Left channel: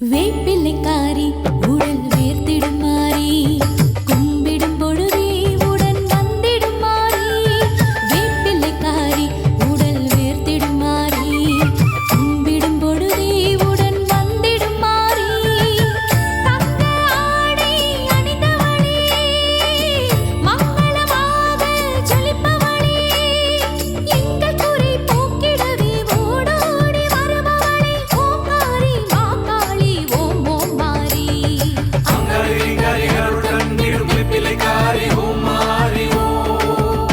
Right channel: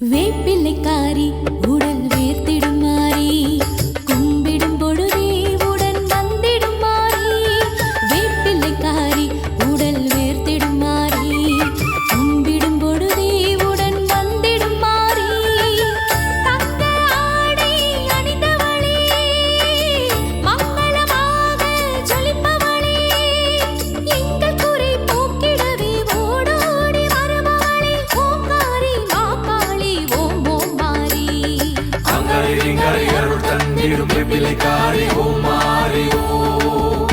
வேப்பிலைக்காரி உடல் வேர்த்திடும் மாறி கும்பிடும் பொழுதே உடன் வந்திடும் மாறி வேப்பிலைக்காரி உடல் வேர்த்திடும் மாறி கும்பிடும் பொழுதே உடன் வந்திடும் மாறி தங்க ஆடை அணிந்தவளே மங்களமாக ஜொலிப்பவளே எங்கள் குறை போக்கிடவே ஓடோடி வருபவளே ஓங்காரி மாகாளி ஓம் ஓம் மாறி வேப்பிலைக்காரி ஓம் மாறி ஓம்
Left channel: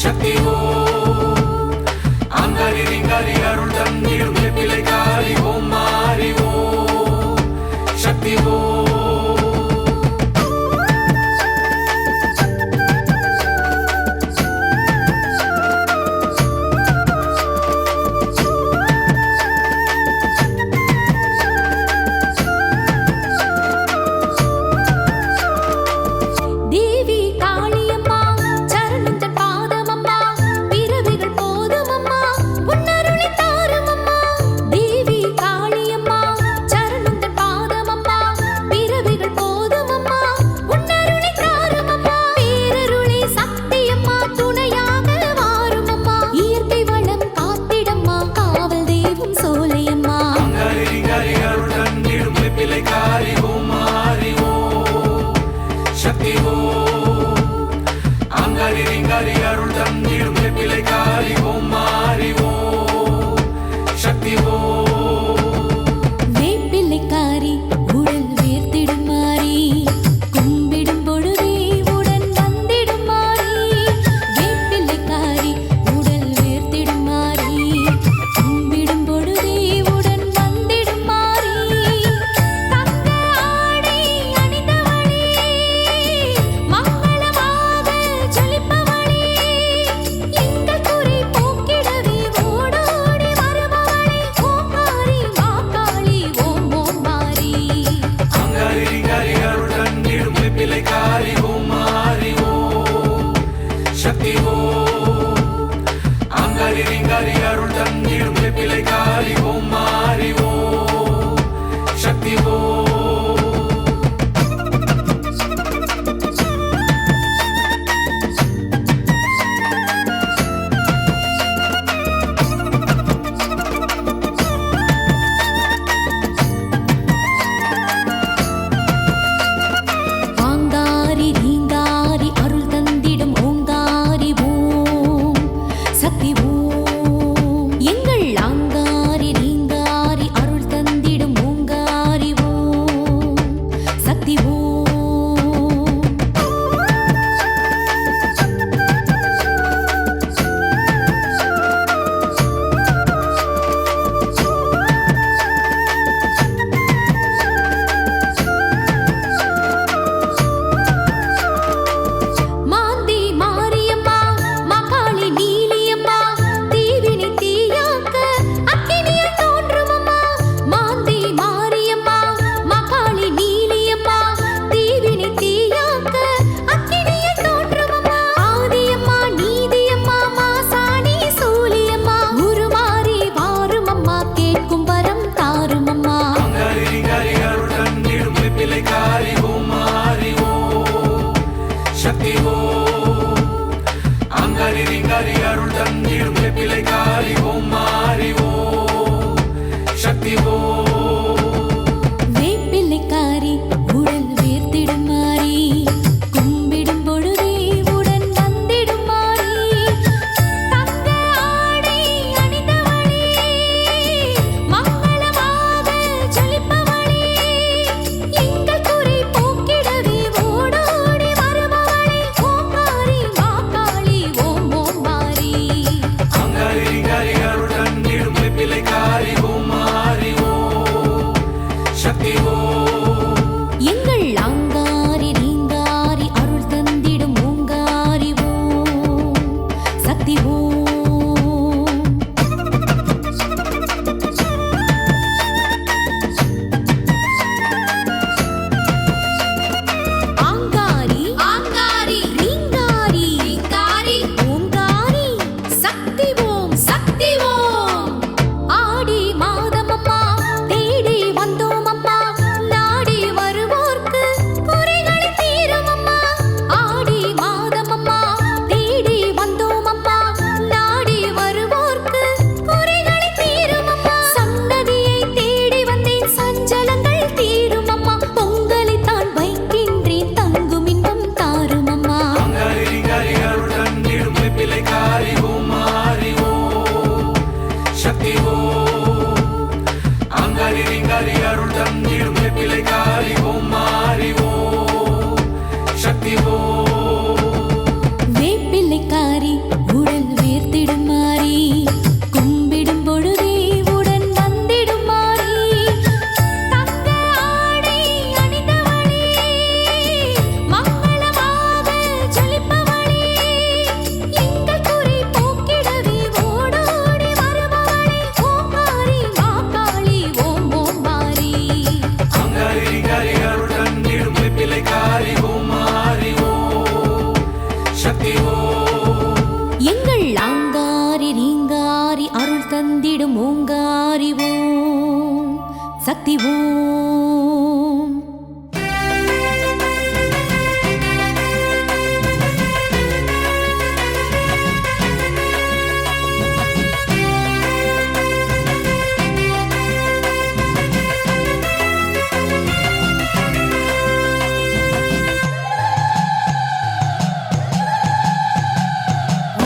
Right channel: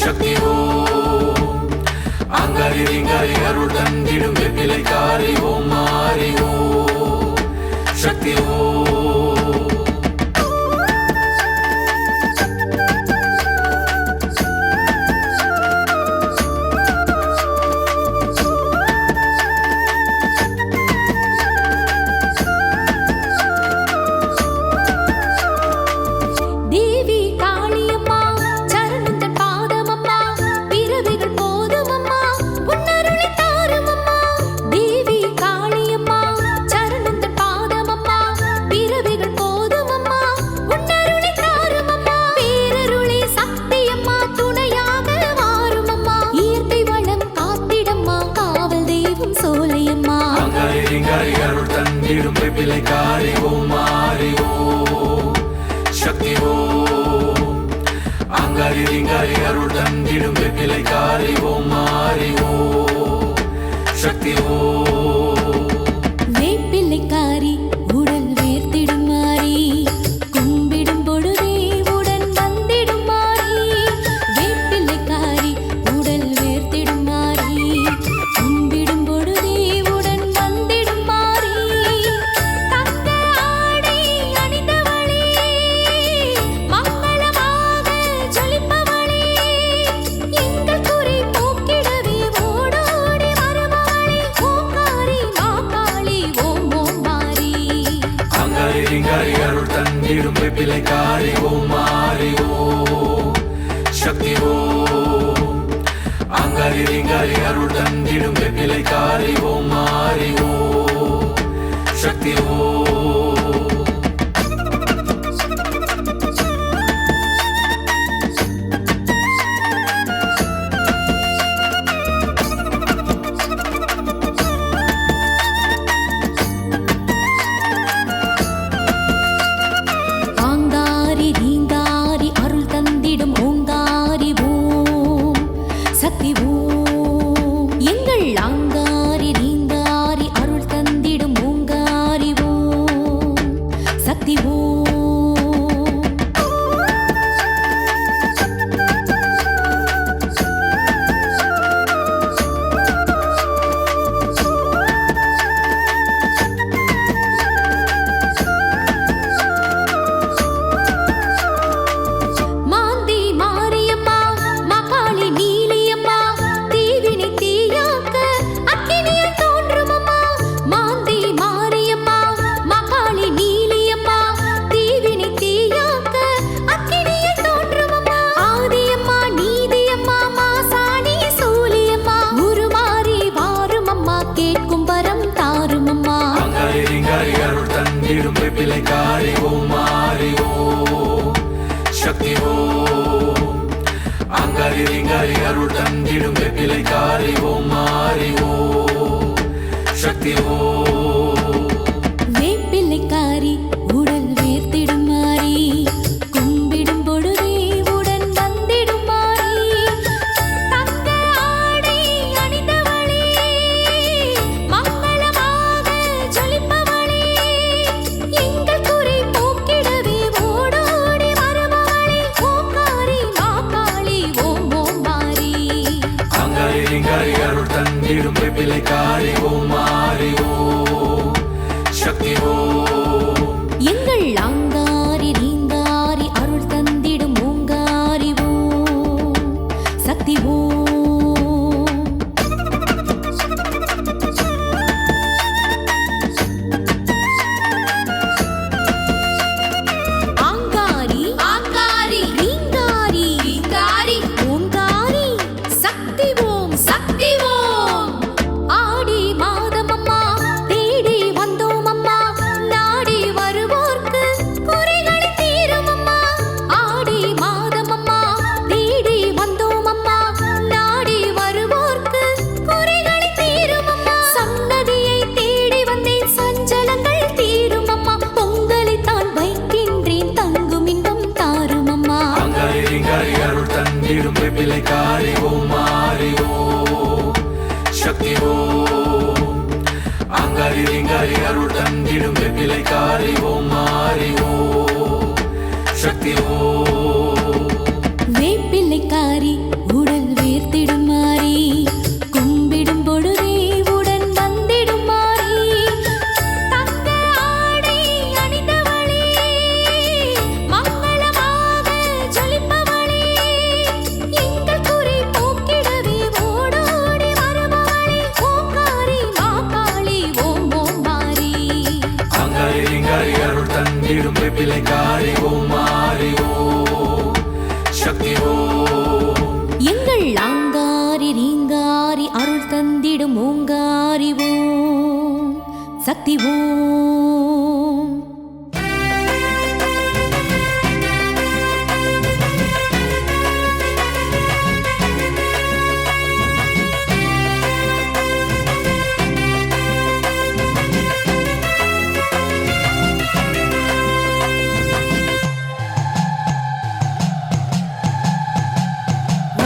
சக்தி ஓம் அங்காரி ரிங்காரி அருள் தந்திடும் வேப்பிலைக்காரி ஓம் மாறி ஓம் சக்தி ஓம் தேவி காளியம்மா சரணந்தன் பாதமம்மா பிறவிகள் போதுமம்மா உன்னருளை தாருமம்மா தேவி காளியம்மா சரணந்தன் பாதமம்மா பிறவிகள் போதுமம்மா உன்னருளை தாருமம்மா பேரருளை சக்தியம்மா துணையாக வாருமம்மா இயற்கை வளம் காத்திடம்மா காவல் தெய்வம் சோலையம்மா சக்தி ஓம் அங்காரி ரிங்காரி அருள் தந்திடும் வேப்பிலைக்காரி ஓம் மாறி ஓம் சக்தி ஓம் வேப்பிலைக்காரி உடல் வேர்த்திடும் மாறி கும்பிடும் பொழுதே உடன் வந்திடும் மாறி வேப்பிலைக்காரி உடல் வேர்த்திடும் மாறி கும்பிடும் பொழுதே உடன் வந்திடும் மாறி தங்க ஆடை அணிந்தவளே மங்களமாக ஜொலிப்பவளே எங்கள் குறை போக்கிடவே ஓடோடி வருபவளே ஓங்காரி மாகாளி ஓம் ஓம் மாறி அங்காரி ரிங்காரி அருள் தந்திடும் வேப்பிலைக்காரி ஓம் மாறி ஓம் சக்தி ஓம் அங்காரி ரிங்காரி அருள் தந்திடும் வேப்பிலைக்காரி ஓம் மாறி ஓம் சக்தி ஓம் ஆங்காரி ரீங்காரி அருள் தந்திடும் ஓங்காரி ஓம் சக்தி ஓம் எங்கள் ஆங்காரி ரீங்காரி அருள் தந்திடும் ஓங்காரி ஓம் சக்தி ஓம் மாந்தி மாரியம்மா மகாளி நீலியம்மா தீவினை தீயாக்க அக்கினியில் தோன்றுமம்மா மாந்தி மாரியம்மா மகாளி நீலியம்மா தீவினை தீயாக்க அக்கினியில் தோன்றுமம்மா ஆதியம்மா நீதியம்மா மாசாணி சூலியம்மா உருமாறி வாருமம்மா கேட்கும் வரம் தாருமம்மா சக்தி ஓம் அங்காரி ரிங்காரி அருள் தந்திடும் வேப்பிலைக்காரி ஓம் மாறி ஓம் சக்தி ஓம் வேப்பிலைக்காரி உடல் வேர்த்திடும் மாறி கும்பிடும் பொழுதே உடன் வந்திடும் மாறி தங்க ஆடை அணிந்தவளே மங்களமாக ஜொலிப்பவளே எங்கள் குறை போக்கிடவே ஓடோடி வருபவளே ஓங்காரி மாகாளி ஓம் ஓம் மாறி அங்காரி ரிங்காரி அருள் தந்திடும் வேப்பிலைக்காரி ஓம் மாறி ஓம் சக்தி ஓம் எங்கள் ஆங்காரி ரீங்காரி அருள் தந்திடும் ஓங்காரி ஓம் சக்தி ஓம் ஆங்காரி ஆங்காரி ரீங்காரி ரீங்காரி ஓங்காரி சக்தி ஓம் சக்தி ஓம் ஆடி மாதமம்மா தேடி வந்தோம் அம்மா காத்திடும் ஓங்காரி ஓம் சக்தி ஓம்.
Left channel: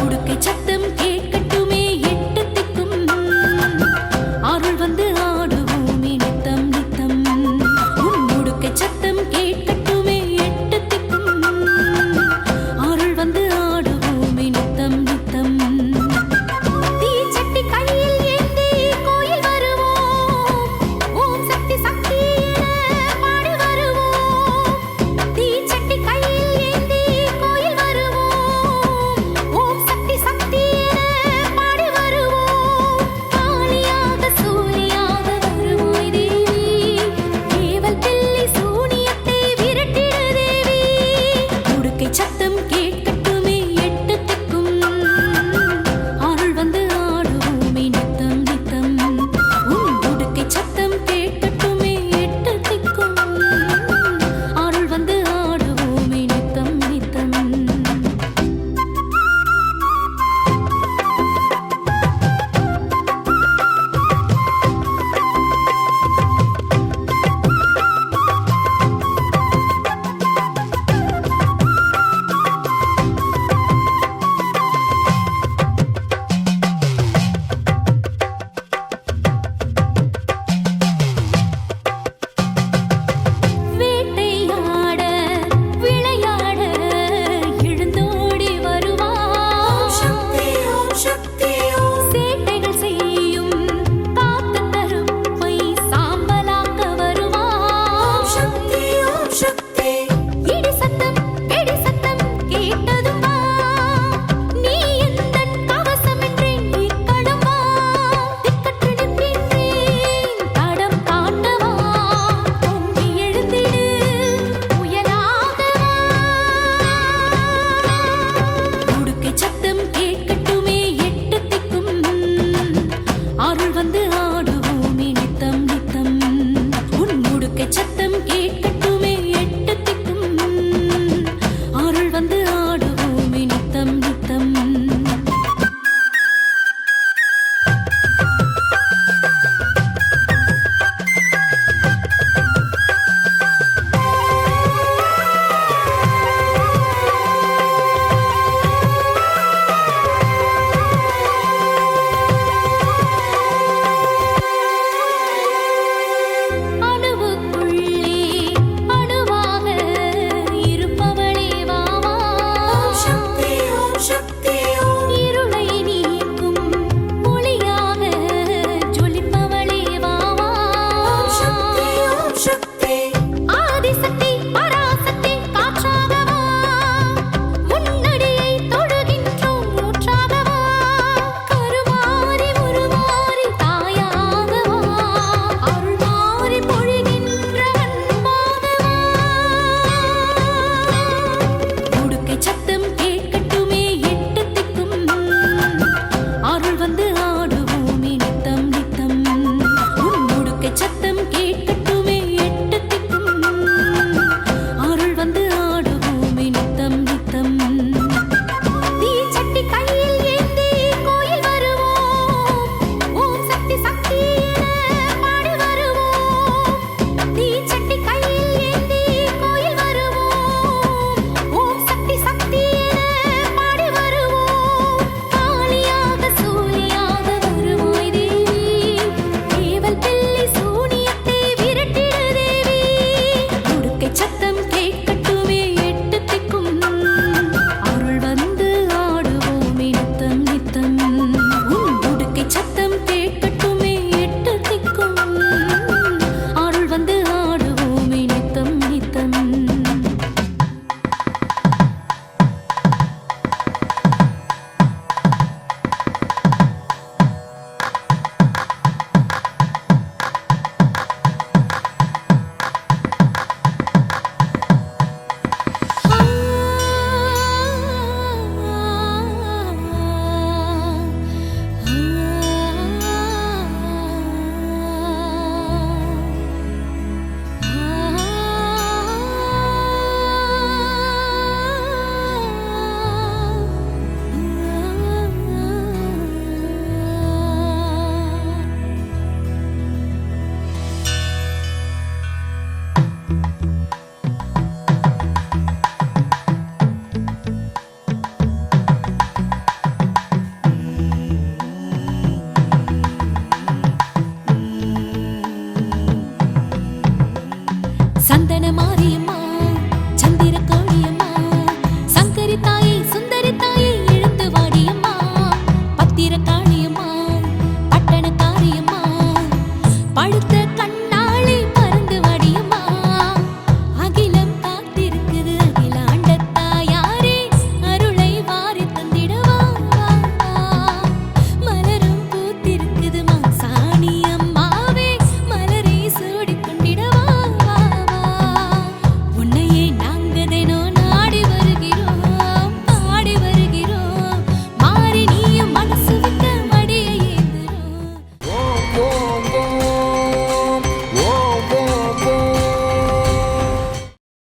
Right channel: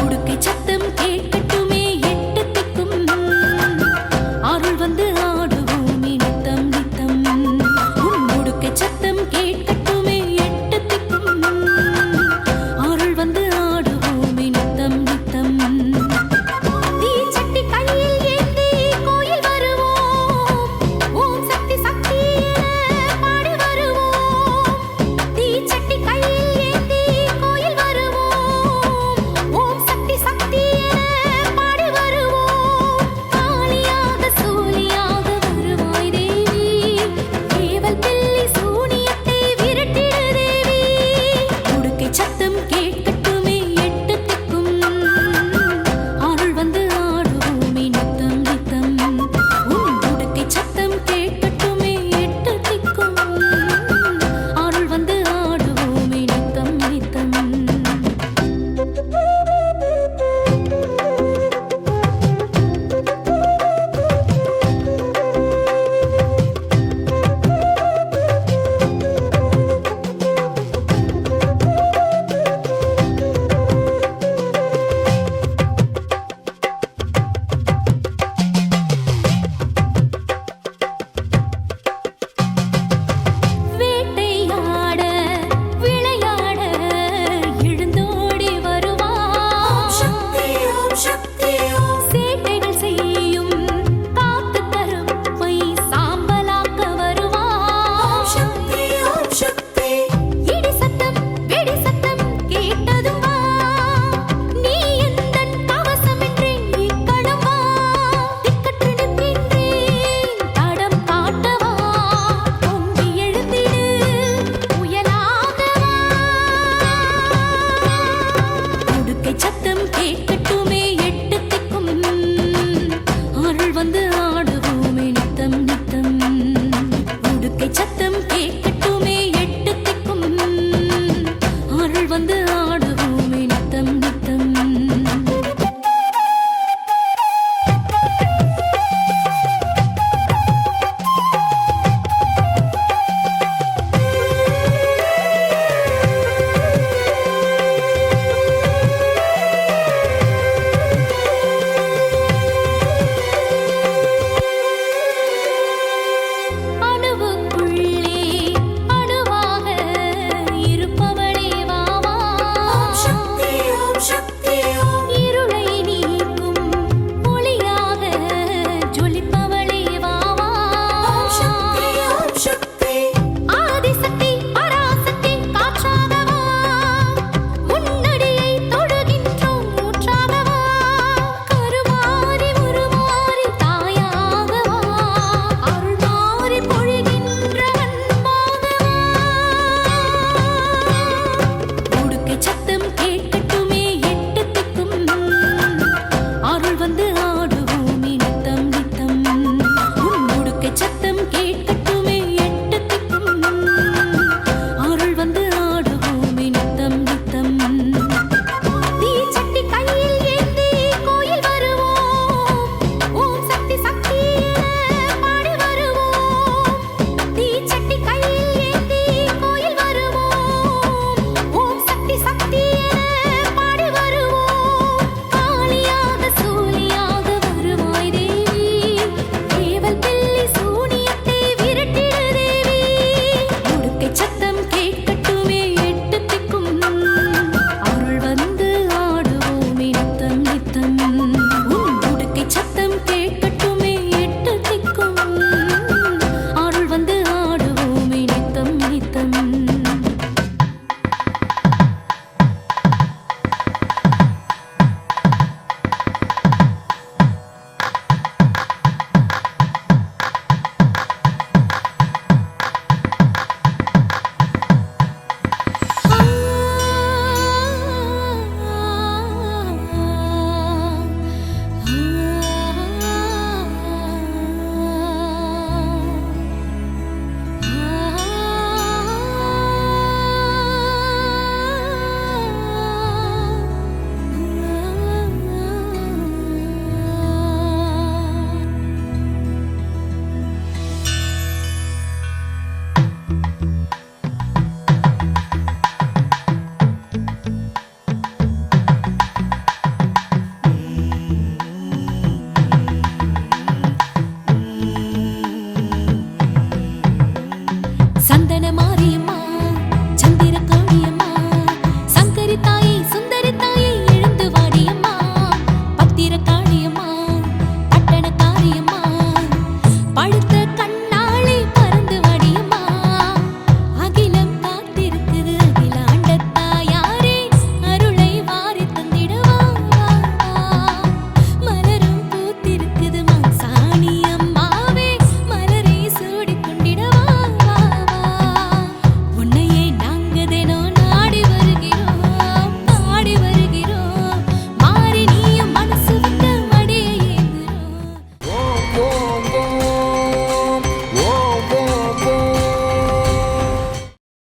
உடுக்கை சத்தம் கேட்கட்டுமே எட்டு திக்கும், அருள் வந்து ஆடுவோமே நித்தம் நித்தம். உன் உடுக்கை சத்தம் கேட்கட்டுமே எட்டு திக்கும், அருள் வந்து ஆடுவோமே நித்தம் நித்தம். தீச்சட்டி கையில் ஏந்தி கோயில் வருவோம், ஓம் சக்தி சக்தி என பாடி வருவோம். தீச்சட்டி கையில் ஏந்தி கோயில் வருவோம், ஓம் சக்தி சக்தி என பாடி வருவோம். காளியாக சூலியாக வருவாய் தேவி, ஏவல் பில்லி சூனியத்தை விரட்டிடு தேவி. உடுக்கை சத்தம் கேட்கட்டுமே எட்டு திக்கும், அருள் வந்து ஆடுவோமே நித்தம் நித்தம். உன் உடுக்கை சத்தம் கேட்கட்டுமே எட்டு திக்கும், அருள் வந்து ஆடுவோமே நித்தம் நித்தம். வேட்டையாட விளையாட எழுந்தோடி வருவாய், சேட்டைகள் செய்யும் காத்து கருப்பை சாம்பலாக்க வருவாய். இடி சத்தம் வெடி சத்தம் கேட்டதும் வா, நீ எந்தன் கவசம் என்றேன் இக்கணம் வா. திக்கற்று நிற்கின்றேன் தடம் காட்டவா, பொங்கி எழுந்திடு புயலாக வா. உடுக்கை சத்தம் கேட்கட்டுமே எட்டு திக்கும், அருள் வந்து ஆடுவோமே நித்தம் நித்தம். உன் உடுக்கை சத்தம் கேட்கட்டுமே எட்டு திக்கும், அருள் வந்து ஆடுவோமே நித்தம் நித்தம். அணுவுக்குள்ளே அணுவாக இருப்பவளே வா வா, இருளை நீக்கும் ஒளியாக ஜொலிப்பவளே வா வா.